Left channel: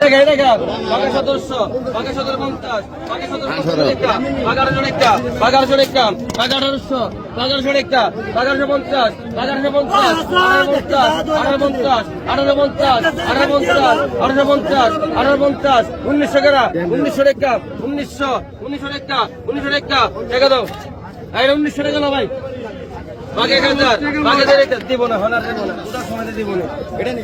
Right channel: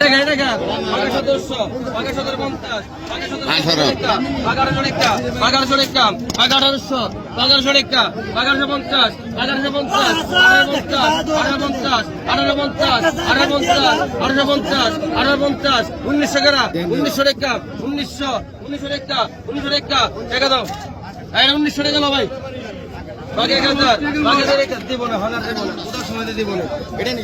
1750, 1750, 1900 ভাই বাকি 1000 বাকি 1000 দিব না হনার দিব না ওটার সময় দিব না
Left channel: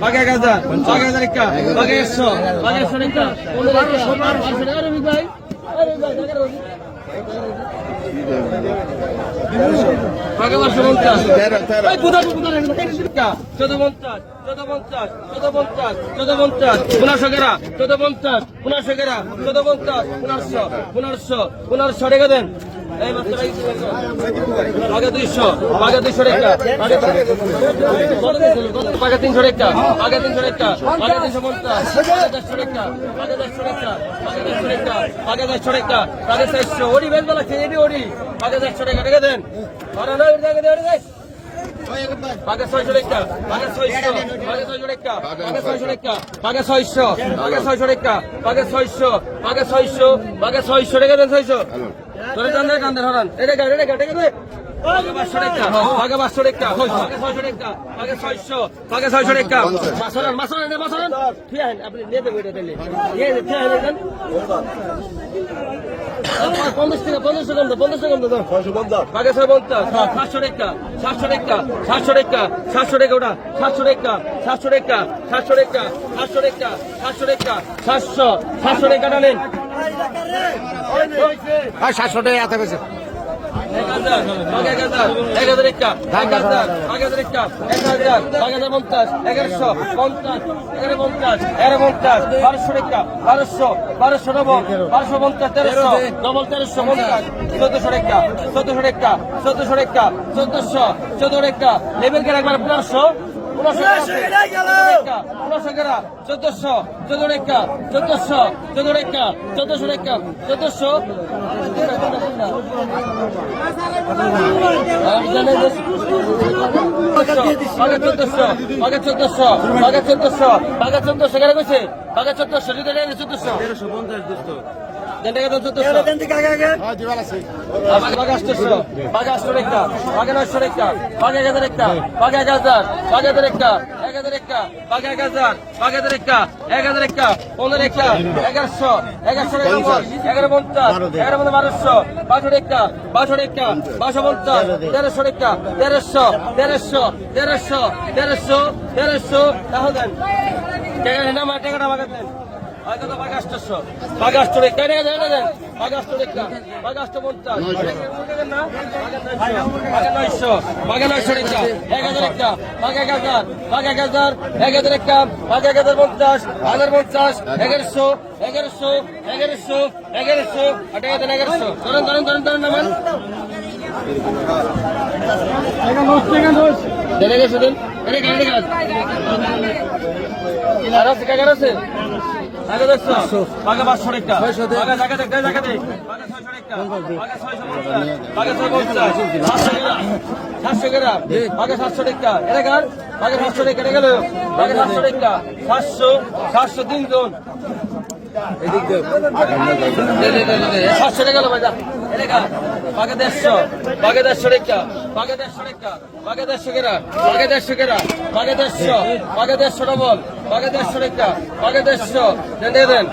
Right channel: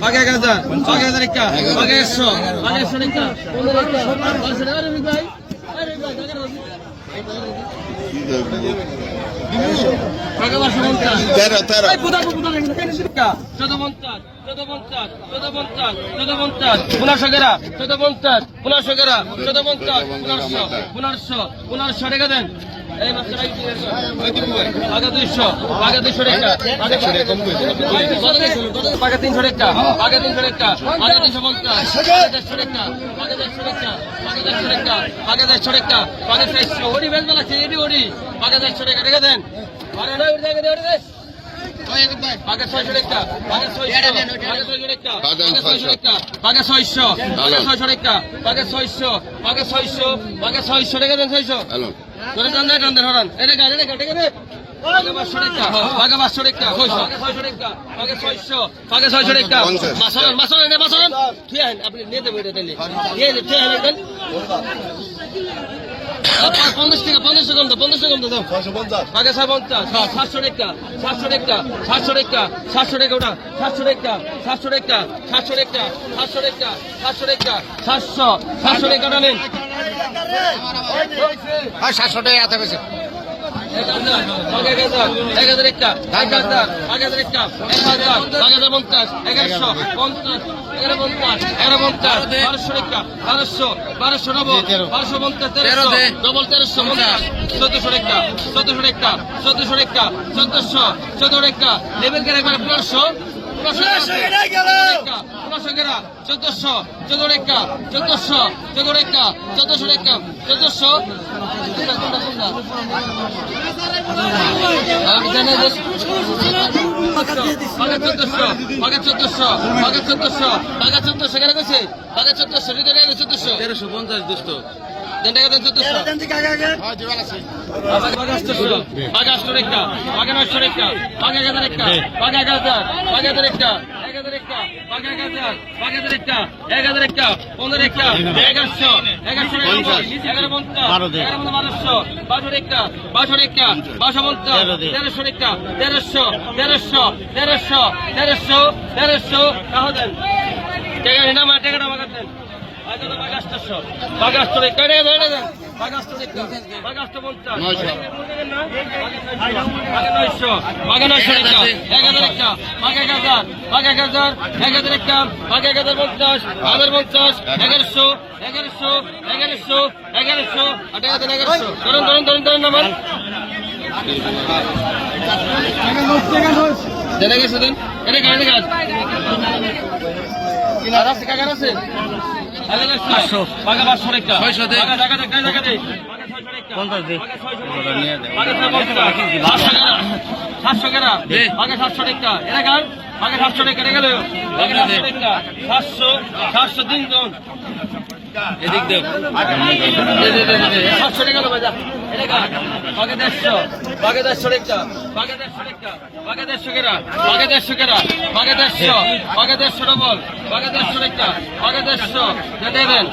বাকি 1000 বাকি 1000 একটা বাকি 100 বাকি 100 একটা 15 আরে ভাই আরে ভাই বাকি 1500 টাকা দেন এই মাত্র আগে 200 আগে 200 টাকা আগে 300 টাকা আগে 300 টাকা আগে 250 আগে 100 টাকা আগে 100 টাকা আগে 100 টাকা আগে 100 টাকা আগে 400 ওডি বেল বলা চেয়ে ওডি আগে 100 টাকা টাকা দেন আরে না ওডি টাকা দে ওডি দে আগে 600 টাকা আগে 600 আগে 600 টাকা আগে 600 টাকা আগে 600 আগে 600 টাকা আগে 600 আগে 600 আগে 600 টাকা দেন 600 তোরে টান্ডা টান্ডা হরান এটা গাড়ি টাকা দে আগে 500 টাকা আগে 500 টাকা আগে 600 টাকা আগে 600 আগে 600 টাকা মাসলান ঠিক আছে আপনি নিয়ে দেবেন এটা নিয়ে ঠিক আছে দেন 50 টাকা 50 সেকেন্ড দাও 650 আগে 750 700 টাকা 700 টাকা 700 টাকা 700 টাকা ওটা 700 টাকা 700 টাকা 700 টাকা 700 টাকা 700 টাকা 700 টাকা নেন 700 টাকা হাতে গেছে 1000 আগে 1000 1000 টাকা 1000 আগে 1000 টাকা 1000 আগে 50 1100 50 1150 1200 টাকা 1200 ডবল 1250 1300 ডবল 1350 1400 টাকা 1400 টাকা 1400 টাকা 1400 টাকা লেভেল করে একবার 1500 1400 টাকা 1400 টাকা 1400 টাকা 1400 টাকা 1400 টাকা 1400 আগে 1400 আগে 1400 আগে 1400 আগে 1400 কেন কইছে আগে 1400 দিতে নেই 1400 1350 দুষ্ট দেন টাকা দেন 1400 হ্যাঁ দিবাল আছে আগে 800 আগে 800 টাকা আগে 900 টাকা আগে 1000 টাকা আগে 1000 আগে 1000 টাকা 1000 টাকা আগে 1000 আগে 1000 টাকা 1000 টাকা 15 টাকা 1100 1100 টাকা বল 1150 1200 1200 টাকা 1200 টাকা 1250 1300 টাকা 1300 টাকা দেন টাকা নিনা মা টাকাটা বাগাত দেন আগে তো বাগাস 800 বাগাস তো টাকা দেন বাগাস তো টাকা বাগাস তো 50 না আগে 900 টাকা 1000 টাকা আগে 1000 আগে 1000 1000 টাকা আগে 1050 1050 1100 টাকা দেন 1100 ধরুন না মান দেন গেছে দেন এটা গাড়ি কাজ আর আছে কাগজ আছে আগে 500 টাকা 600 টাকা আগে জায়গা দে আগে 600 টাকা আগে 700 টাকা আগে 700 টাকা এটা গান আগে 700 টাকা গেল আগে 700 টাকা 700 দিন জন এদিক দেখ 700 টাকা বাজা আগে 150 আগে 150 টাকা আগে 150 টাকা আগে 150 টাকা আগে 150 টাকা আগে 150 আগে 150 ডবল আগে 150 টাকা আগে 150 দেন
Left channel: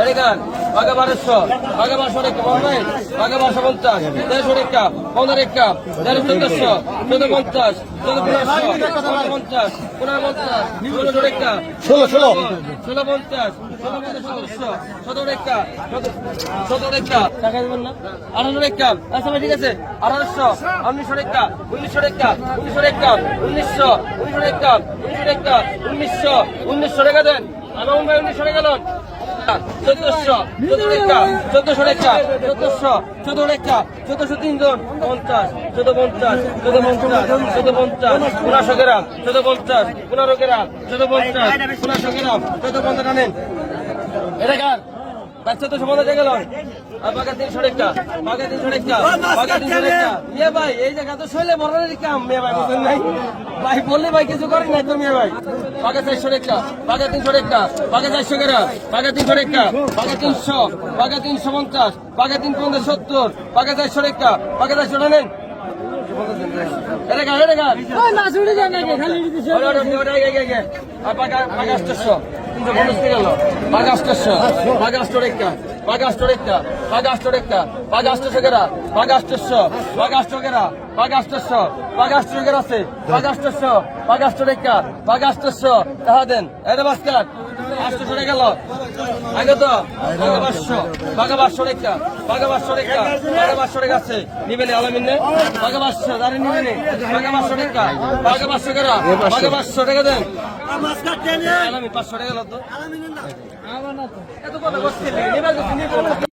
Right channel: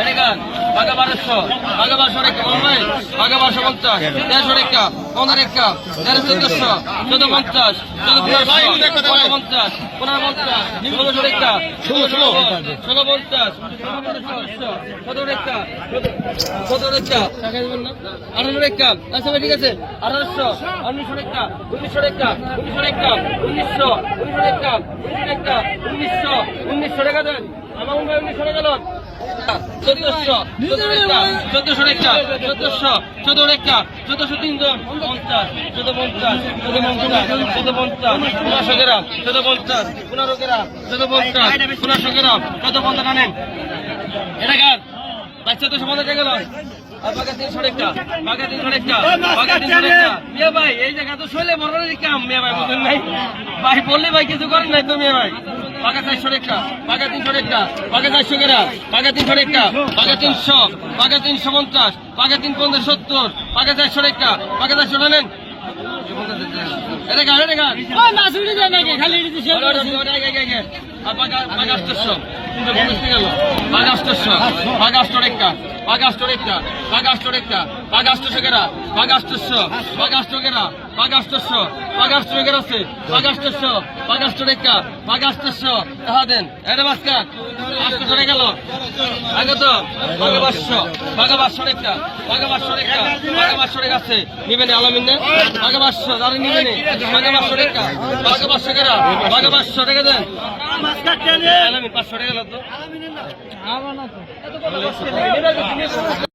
এরে গান আগে 1200 আগে 1200 টাকা ভাই আগে 1250 150 টাকা 15 টাকা 1400 1450 1450 16 টাকা 17 টাকা 17 টাকা টাকা দেবেন না 18 টাকা আচ্ছা ভাই ঠিক আছে 1800 1900 টাকা 1900 টাকা 1900 টাকা 1900 টাকা 1900 টাকা দেন আমার ভাই 1900 টাকা দেন 1400 টাকা 1400 টাকা 1400 টাকা 1400 তিনজন 50 1450 1500 গ্রাম 1450 15 গ্রাম 1450 1500 গ্রাম 1450 নেন এটা কার বাচ্চা তো সমাজে গেল আর বাঘা 300 টাকা বাঘা 300 টাকা বাঘা 300 টাকা মিয়া ভাই এই জায়গা তো শৈলে বড়ারই কাম মিয়া ভাই বুঝেন নাই ভাই বললে ভাই কিছু করেন নাই তো মিয়া ভাই বাঘা 400 টাকা বাঘা 300 টাকা বাঘা 400 টাকা বাঘা 300 টাকা বাঘা 300 বাঘা 350 বাঘা 350 70 বাঘা 400 টাকা বাঘা 400 নেন আগে তো বাঘা 500 বাঘা 500 টাকা বাঘা 500 টাকা বাঘা 500 টাকা আছে নিবেন আলামিন না বাঘা 500 যারা নিবেন বাঘা 500 টাকা বাঘা 500 টাকা বাঘা 500 টাকা দেন আলামিন 500 টাকা লাগতো এত কথা বলছেন